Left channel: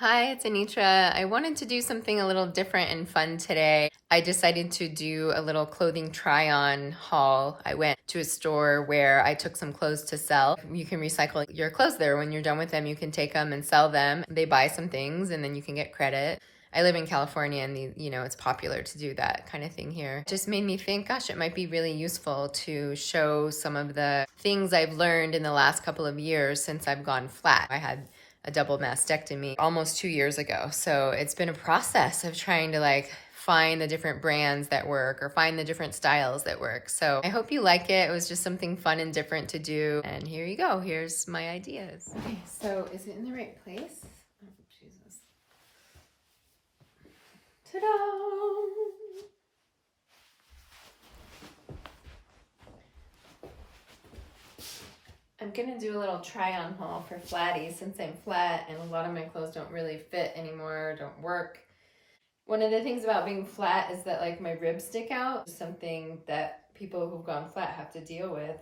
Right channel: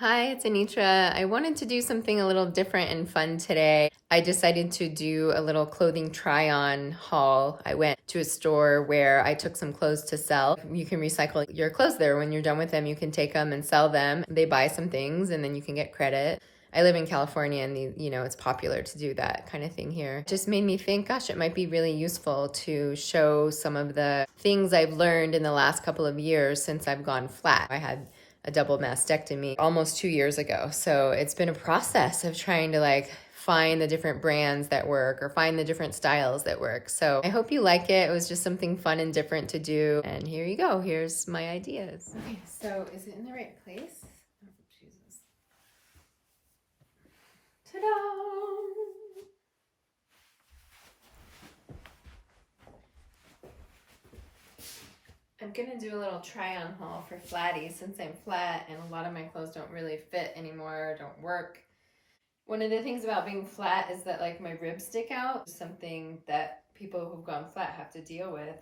Hi, it's Anitra. I wanted to do something a little different and fun today. I decided to do a little clothing try-on haul. I went to a store where I took some clothes to sell. You can recycle your clothes there. When you're done with them, you can take them and sell them. They buy some things and then you can get credit. I live in California and it's popular to do that kind of thing here. It just made me think, gosh, it might be really useful to show some of the things I've learned in the last couple of years since I've gone flat. I had a double mastectomy almost 2 years ago. So it's been a process of trying to find the different brands that work or find the different styles that work. So I hope you like it. It was just something fun and different to do. And here you go. Here's my ideas. Okay, so is it in the right place? Oh, Jesus. Ta-da! I'm gonna do a little try-on haul for Flatty since I'm flat and a lot of my clothes don't really fit anymore, don't work. One of the things about being flat is that my ribs stick out, something that people who've gone flat have to deal with.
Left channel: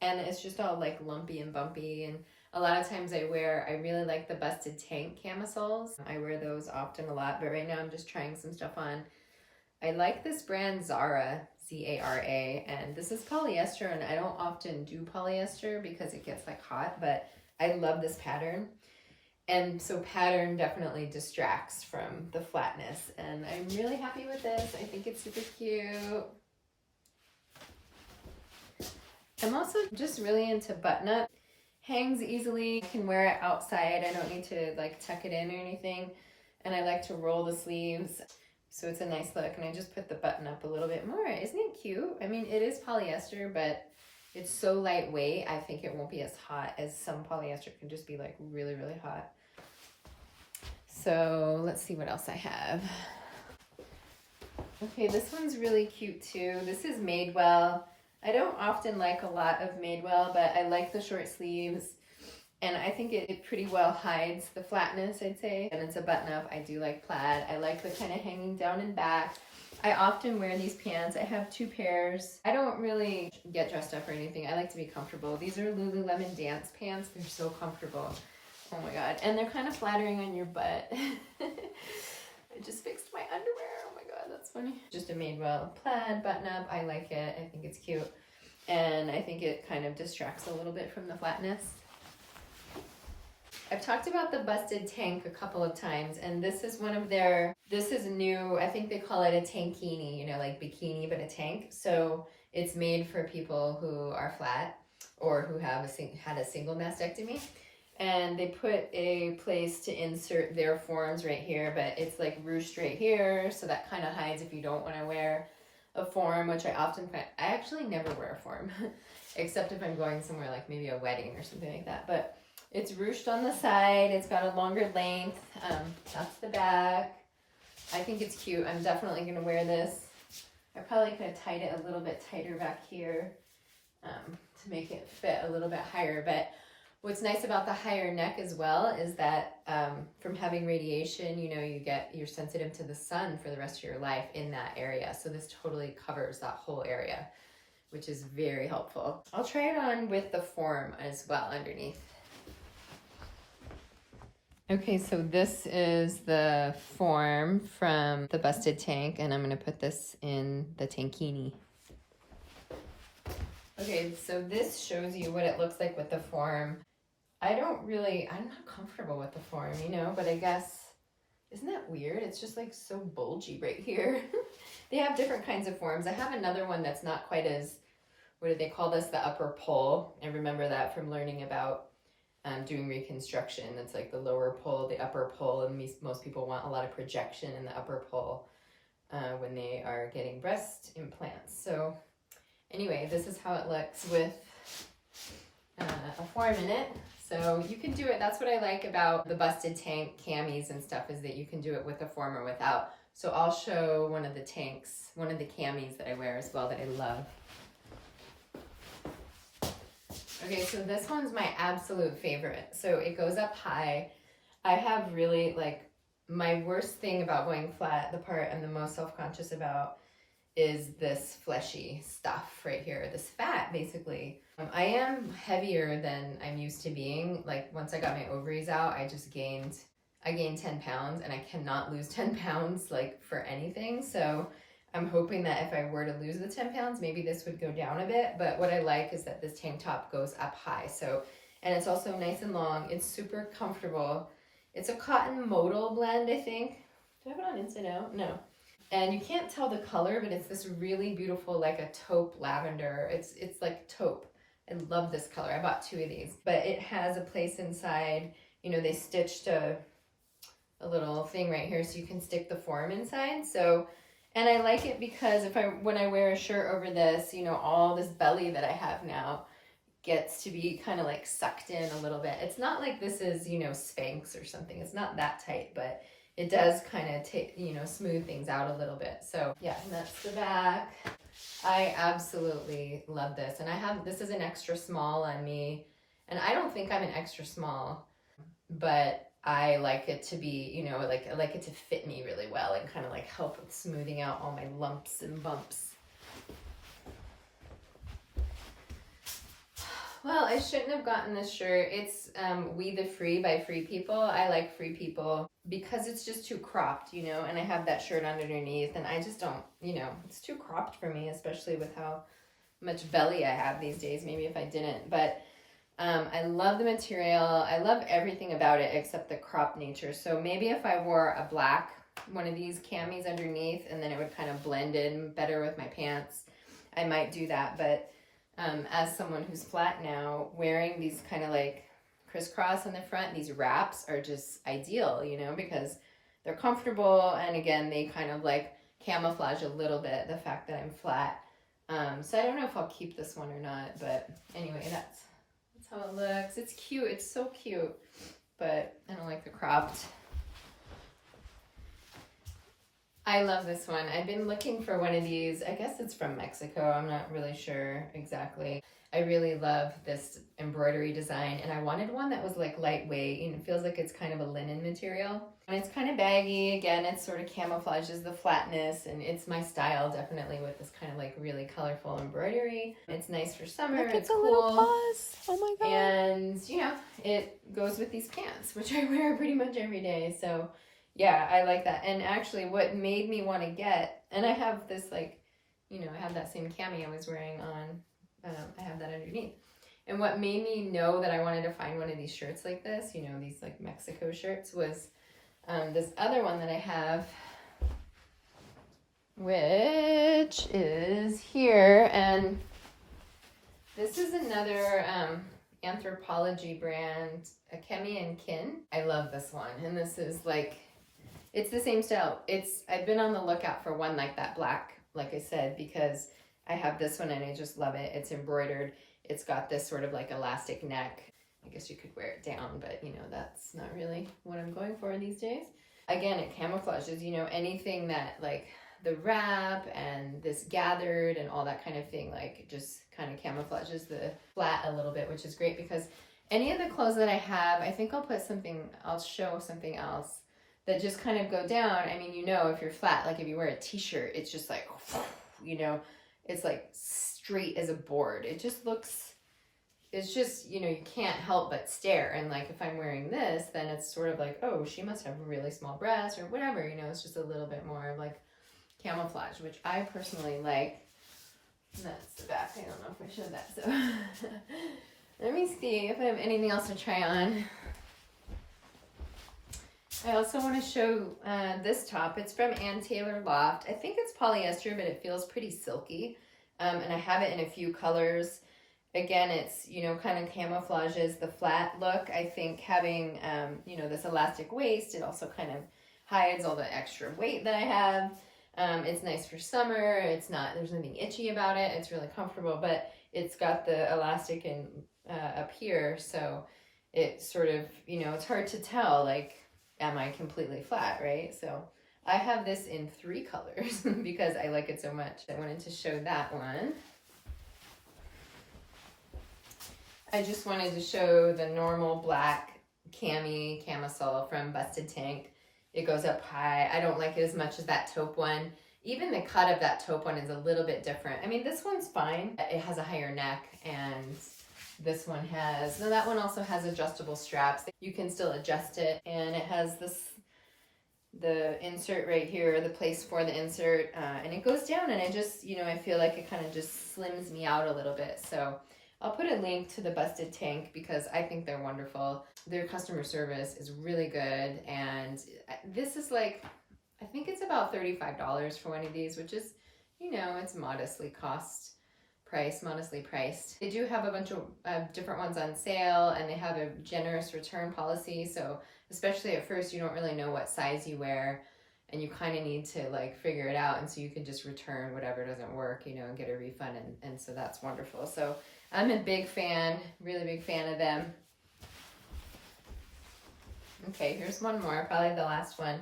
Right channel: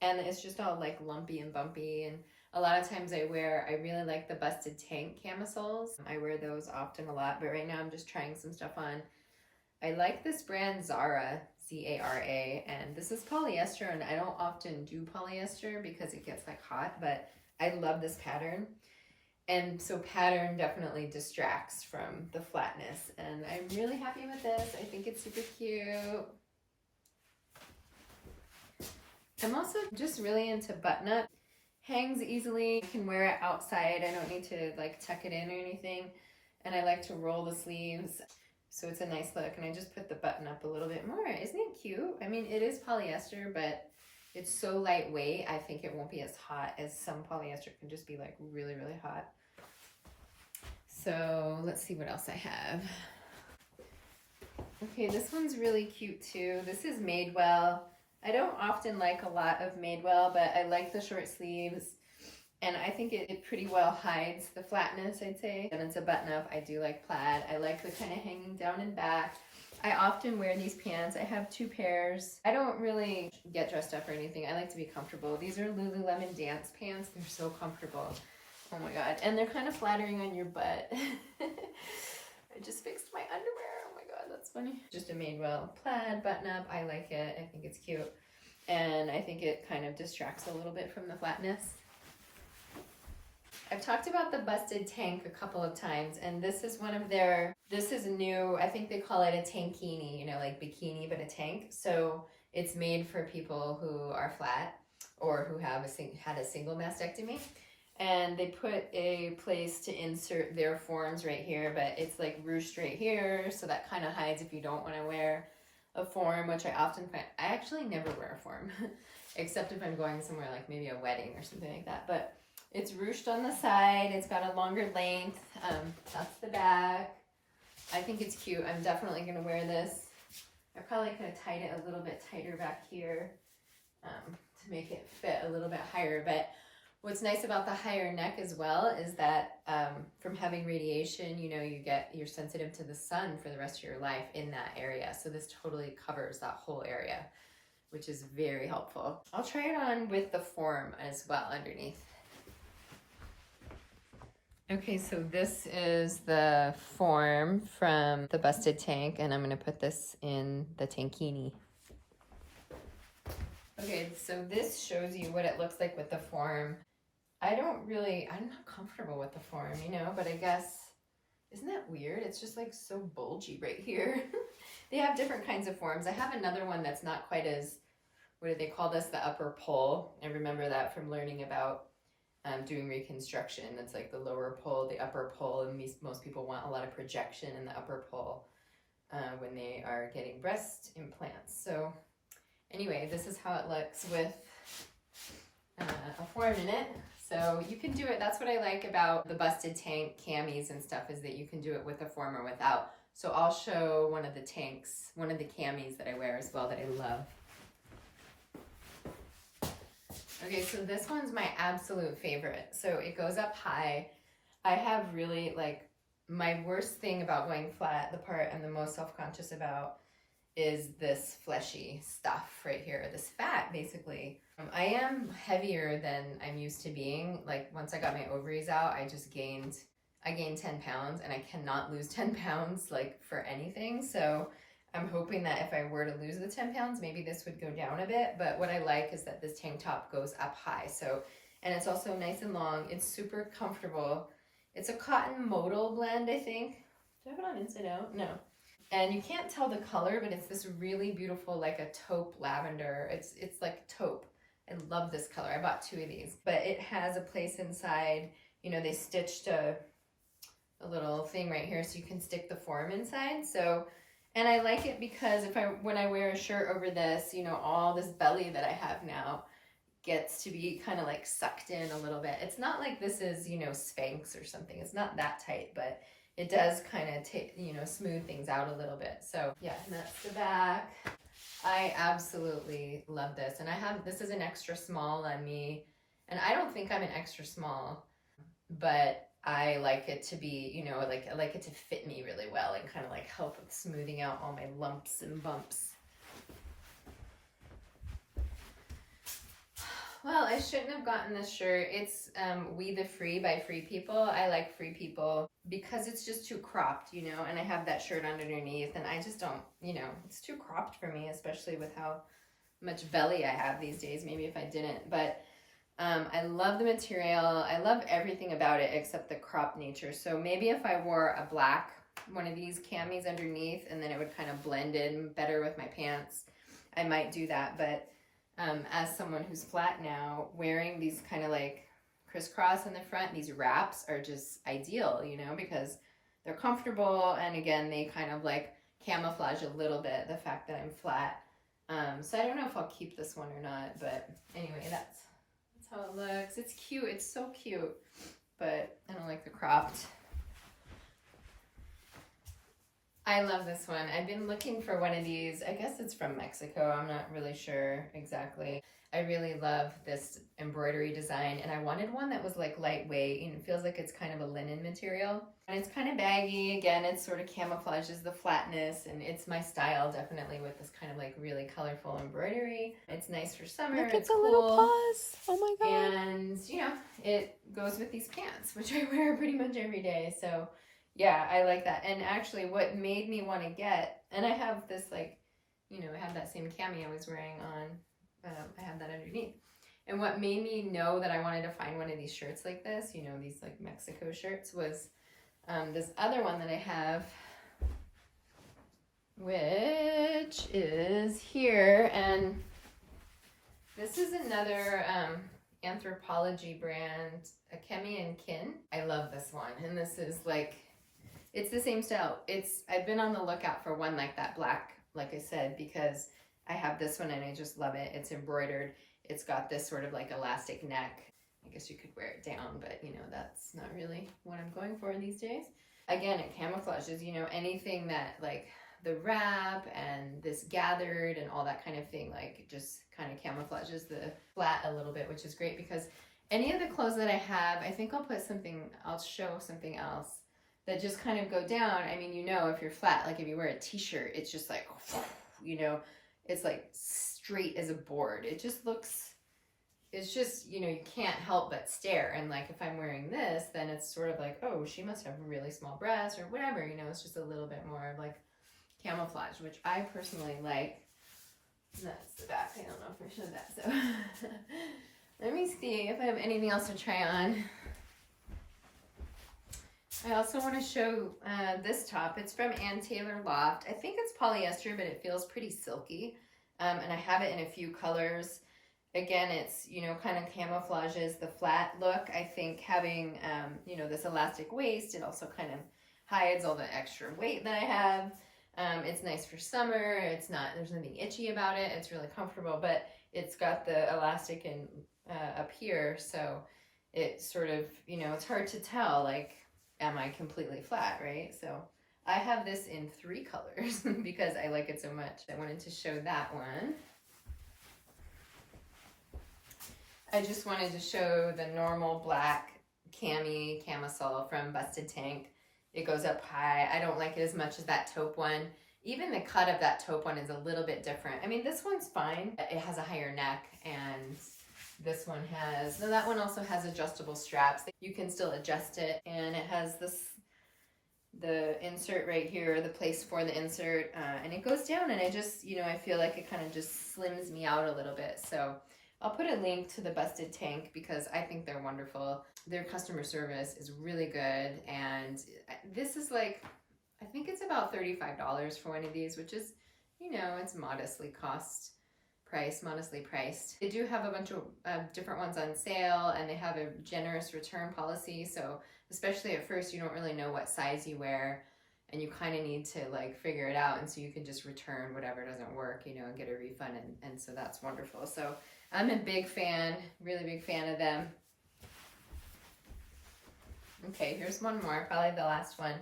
And it's just all lumpy and bumpy. And a lot of times I really like the busted tank camisoles. I wear those often a lot, but right now I'm just trying some stuff on. I like this brand Zara, Z-A-R-A, and this is polyester, and I don't often do polyester because it gets hot, but I love this pattern. And so pattern definitely distracts from the flatness, and I'm really happy with this. I think it's super cute. I'm also just really into button up. Hangs easily, I can wear it outside. I don't need to tuck it in or anything. And I like to roll the sleeves. So it's a nice look, and I just put the button up a little bit more. Isn't it cute? I mean, it is polyester, but it's so lightweight, I think it won't be as hot as some polyester can just be really, really hot. So let's see what else I have. Okay, this one's really cute too. This is Madewell. I don't often like a lot of Madewell, but I like the short sleeves. And I think it pretty well hides the flatness, I'd say. And it's a button up. I do like plaid. I like the kind of hanging down and back. I often wear these pants. I have 2 pairs. I don't really get dressed up or anything. I like to be comfortable. These are Lululemon dance pants. They're so comfortable. Oh my God. And they're kind of flattering on your butt. I just fixed my underwear. Oh my God, that's funny. Just a Madewell plaid button up. I like it. I think it's cute. And I think it kind of distracts a little bit from the flatness. I've talked about the busted tank a couple of times, and this is one of their, this is new, I think they call it a tankini, like bikini, but a tank. So it's made for people who are flat or who have had a single mastectomy. And they put a place to insert their forms right here, but it's ruched right here, so that kind of hides if you don't want to wear a form, which I often find, I actually never wear a form, except if I'm going somewhere maybe a wedding or something like that. But it's ruched on the side. It's got a longer length. That's the back. I think it's cute. I'm definitely going to wear this. I probably could have tied it a little bit tighter back here to make it fit a little bit higher. But what's nice about the higher neck as well is that from having radiation, you're sensitive to the sun for the rest of your life in that area. So this totally covers that whole area, which is very helpful. I'll try it on with the form as well underneath. Okay, so this is the form from the busted tank, and I'm going to put this in the tankini. Okay, so this shows you what it looks like with the form. I'm not comfortable with the form, but I guess, isn't that weird? It's just so bulgy right here. They have different kinds of forms. I have another one that's not quite as, what do they call this? The upper pole. I remember that from learning about doing reconstruction. It's the lower pole, the upper pole, and most people want a lot of projection in the upper pole when they are getting breast implants. So anyway, this is how it looks with a form in it. So you can do it. That's what I like about the busted tank camis and stuff, is that you can do it with a form or without. So I'll show one of the tanks, one of the camis that I wear as well that I love. Okay, so this one's my absolute favorite. So it goes up high. I have really my worst thing about going flat, the part I'm the most self-conscious about, is this fleshy stuff right here, this fat basically. I am heavier than I'm used to being. Once I got my ovaries out, I just gained I gained 10 pounds and I cannot lose 10 pounds like for anything. So I'm hoping that if I were to lose the 10 pounds, maybe this would go down a bit. But what I like is that this tank top goes up high. So, and it's also nice and long. It's super comfortable. It's a cotton modal blend, I think. Do I have it on inside out? No. And you can't tell the color, but it's this really beautiful, like a taupe lavender. It's like taupe. I love this color. I bought 2 of these, but it has a place inside. You know, they stitched a little thing right here so you can stick the form inside. So, and I like it because when I wear a shirt over this, you know, all this belly that I have now gets to be kind of like sucked in a little bit. It's not like this is, you know, Spanx or something. It's not that tight, but it does kind of take, you know, smooth things out a little bit. So yeah, that's the back. I absolutely love this. And this is an extra small on me. And I don't think I'm an extra small, but I like it to be, you know, like I like it to fit me really well and kind of like help with smoothing out all my lumps and bumps. Well, I shouldn't have gotten this shirt. It's We the Free by Free People. I like Free People because it's just too cropped, you know, and I have that shirt underneath and I just don't, you know, it's too cropped for me, especially with how much belly I have these days. Maybe if I didn't, but I love the material. I love everything about it except the crop nature. So maybe if I wore a black, one of these camis underneath, and then it would kind of blend in better with my pants, I might do that. But as someone who's flat now, wearing these kind of like crisscross in the front, these wraps are just ideal, you know, because they're comfortable. And again, they kind of like camouflage a little bit the fact that I'm flat. So I don't know if I'll keep this one or not, but anyway, that's how it looks. It's cute. It's so cute, but I don't like the cropped. I love this one. I've been looking for one of these. I guess it's from Mexico. I'm not really sure exactly. I really love this embroidery design, and I wanted one that was like lightweight, and it feels like it's kind of a linen material. And it's kind of baggy. Again, it sort of camouflages the flatness, and it's my style definitely with this kind of like really colorful embroidery. It's nice for summer. Look, it's a cool. little paws. Oh my god. And, you know, it goes with these pants, which I wear pretty much every day. So yeah, I like that. And actually what made me want to get, and I have this like, you know, I have that same cami I was wearing on, I have that underneath. And what made me know that I wanted to find one of these shirts like this, you know, these like Mexico shirts, was this other one that I have, which is here. And this is another Anthropologie brand, Akemi and Kin. I love this one. And this is like, it's the same style. I've been on the lookout for one like that black, like I said, because I have this one and I just love it. It's embroidered. It's got this sort of like elastic neck. I guess you could wear it down, but you know, that's not really what I'm going for these days. Again, it camouflages, you know, anything that like the wrap and this gathered and all that kind of thing, like just kind of camouflages the flat a little bit, which is great because any of the clothes that I have, I think I'll show something else that just kind of go down. I mean, you know, if you're flat, like if you wear a t-shirt, it's just like, you know, it's like straight as a board. It just looks, it's just, you know, you can't help but stare. And like, if I'm wearing this, then it's sort of like, oh, she must have really small breasts or whatever, you know, it's just a little bit more like camouflage, which I personally like. And that's the back. I don't know if I showed that. So let me see if I have anything else to try on. I also want to show this top. It's from Ann Taylor Loft. I think it's polyester, but it feels pretty silky. And I have it in a few colors. Again, it's, you know, kind of camouflages the flat look. I think having, you know, this elastic waist, it also kind of hides all the extra weight that I have. It's nice for summer. There's nothing itchy about it. It's really comfortable, but it's got the elastic in up here. So it sort of, you know, it's hard to tell, like, am I completely flat, right? So I have this in 3 colors because I like it so much. I wanted to show that one. I just wanted to show the normal black camisole from Busted Tank. It goes up high. I don't like it as much as that taupe one. Even the cut of that taupe one is a little bit different. I mean, this one's fine. It has a higher neck and This one has, no, that one also has adjustable straps. You can still adjust it, and it has the insert right here, the place for the insert, and it goes down, and it just, I feel like it kind of just slims me out a little bit. So I'll put a link to the Busted Tank because I think they're wonderful. Their customer service is really good, and this is like, I think it's about $35 for one of these, which is, it's modestly priced. They do have a bunch of different ones on sale, and they have a generous return policy. So especially at first, you don't really know what size you wear, and you kind of need to like figure it out. And so you can just return whatever doesn't work, and get a refund. And so that's wonderful. So I'm a big fan, really big fan of them. Okay, here's one more, probably the last one.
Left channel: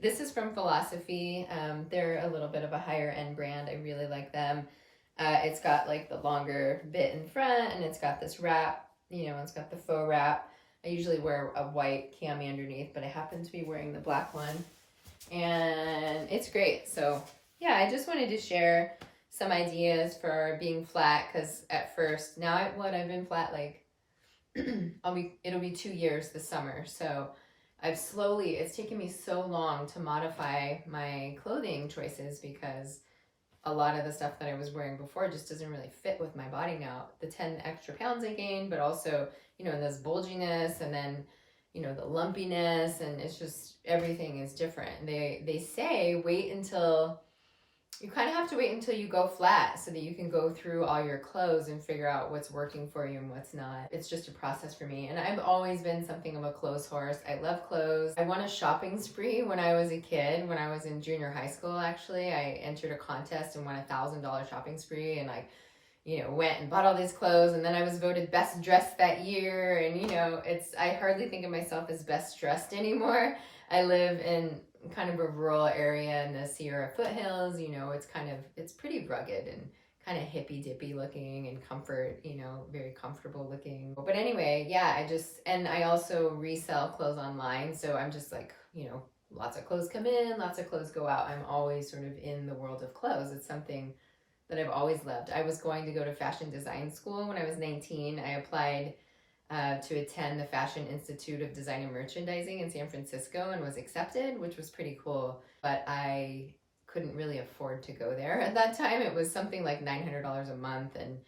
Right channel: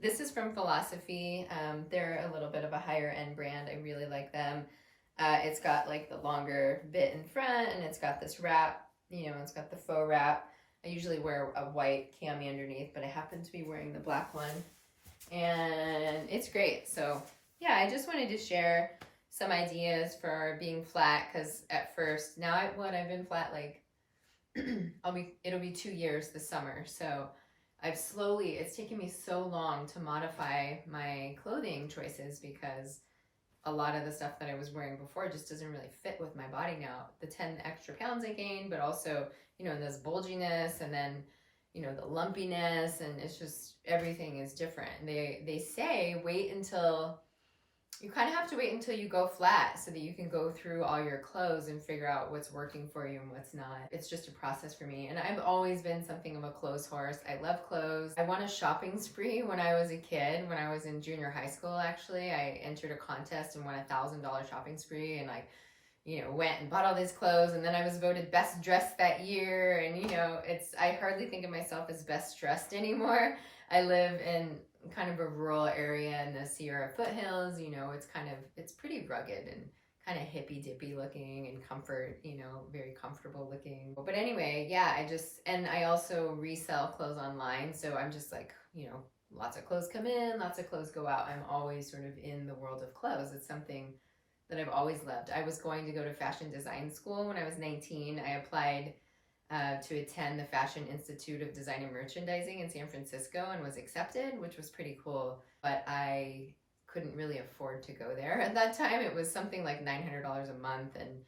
This is from Philosophy. They're a little bit of a higher end brand. I really like them. It's got like the longer bit in front, and it's got this wrap, it's got the faux wrap. I usually wear a white cami underneath, but I happen to be wearing the black one, and it's great. So yeah, I just wanted to share some ideas for being flat, because at first, now I've been flat like, it'll be 2 years this summer. So it's taken me so long to modify my clothing choices, because a lot of the stuff that I was wearing before just doesn't really fit with my body now. The 10 extra pounds I gained, but also, and this bulginess, and then, the lumpiness, and it's just, everything is different. They say you kind of have to wait until you go flat so that you can go through all your clothes and figure out what's working for you and what's not. It's just a process for me. And I've always been something of a clothes horse. I love clothes. I won a shopping spree when I was a kid. When I was in junior high school, actually, I entered a contest and won $1,000 shopping spree, and went and bought all these clothes, and then I was voted best dressed that year. And, I hardly think of myself as best dressed anymore. I live in kind of a rural area in the Sierra foothills. It's pretty rugged and kind of hippy dippy looking, and comfort, very comfortable looking. But anyway, yeah, I also resell clothes online. So I'm just like, lots of clothes come in, lots of clothes go out. I'm always sort of in the world of clothes. It's something that I've always loved. I was going to go to fashion design school when I was 19. I applied to attend the Fashion Institute of Design and Merchandising in San Francisco, and was accepted, which was pretty cool. But I couldn't really afford to go there at that time. It was something like $900 a month. And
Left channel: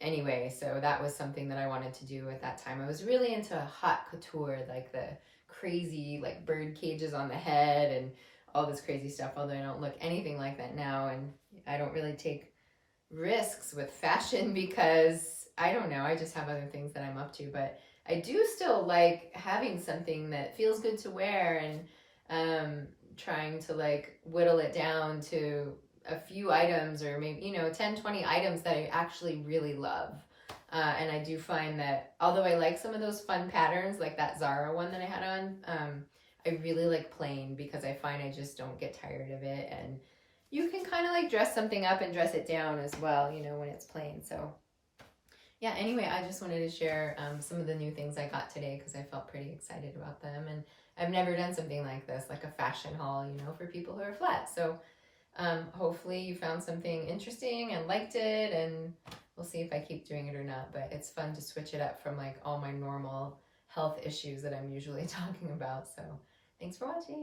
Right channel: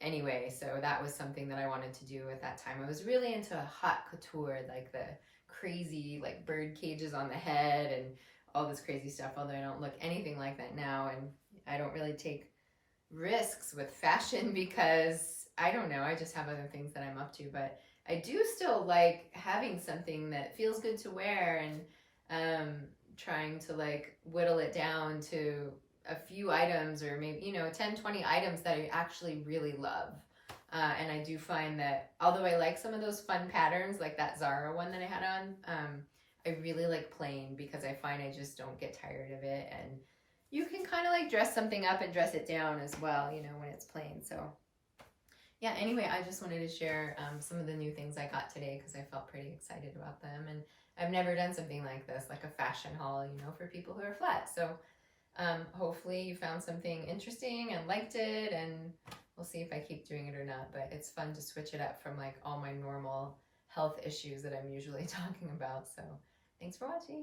anyway, so that was something that I wanted to do at that time. I was really into haute couture, like the crazy like bird cages on the head and all this crazy stuff, although I don't look anything like that now. And I don't really take risks with fashion because I don't know, I just have other things that I'm up to. But I do still like having something that feels good to wear, and trying to like whittle it down to a few items, or maybe 10, 20 items that I actually really love. And I do find that although I like some of those fun patterns, like that Zara one that I had on, I really like plain, because I find I just don't get tired of it. And you can kind of like dress something up and dress it down as well, when it's plain. So yeah, anyway, I just wanted to share some of the new things I got today, because I felt pretty excited about them. And I've never done something like this, like a fashion haul, for people who are flat. So hopefully you found something interesting and liked it, and we'll see if I keep doing it or not. But it's fun to switch it up from like all my normal health issues that I'm usually talking about. So thanks for watching.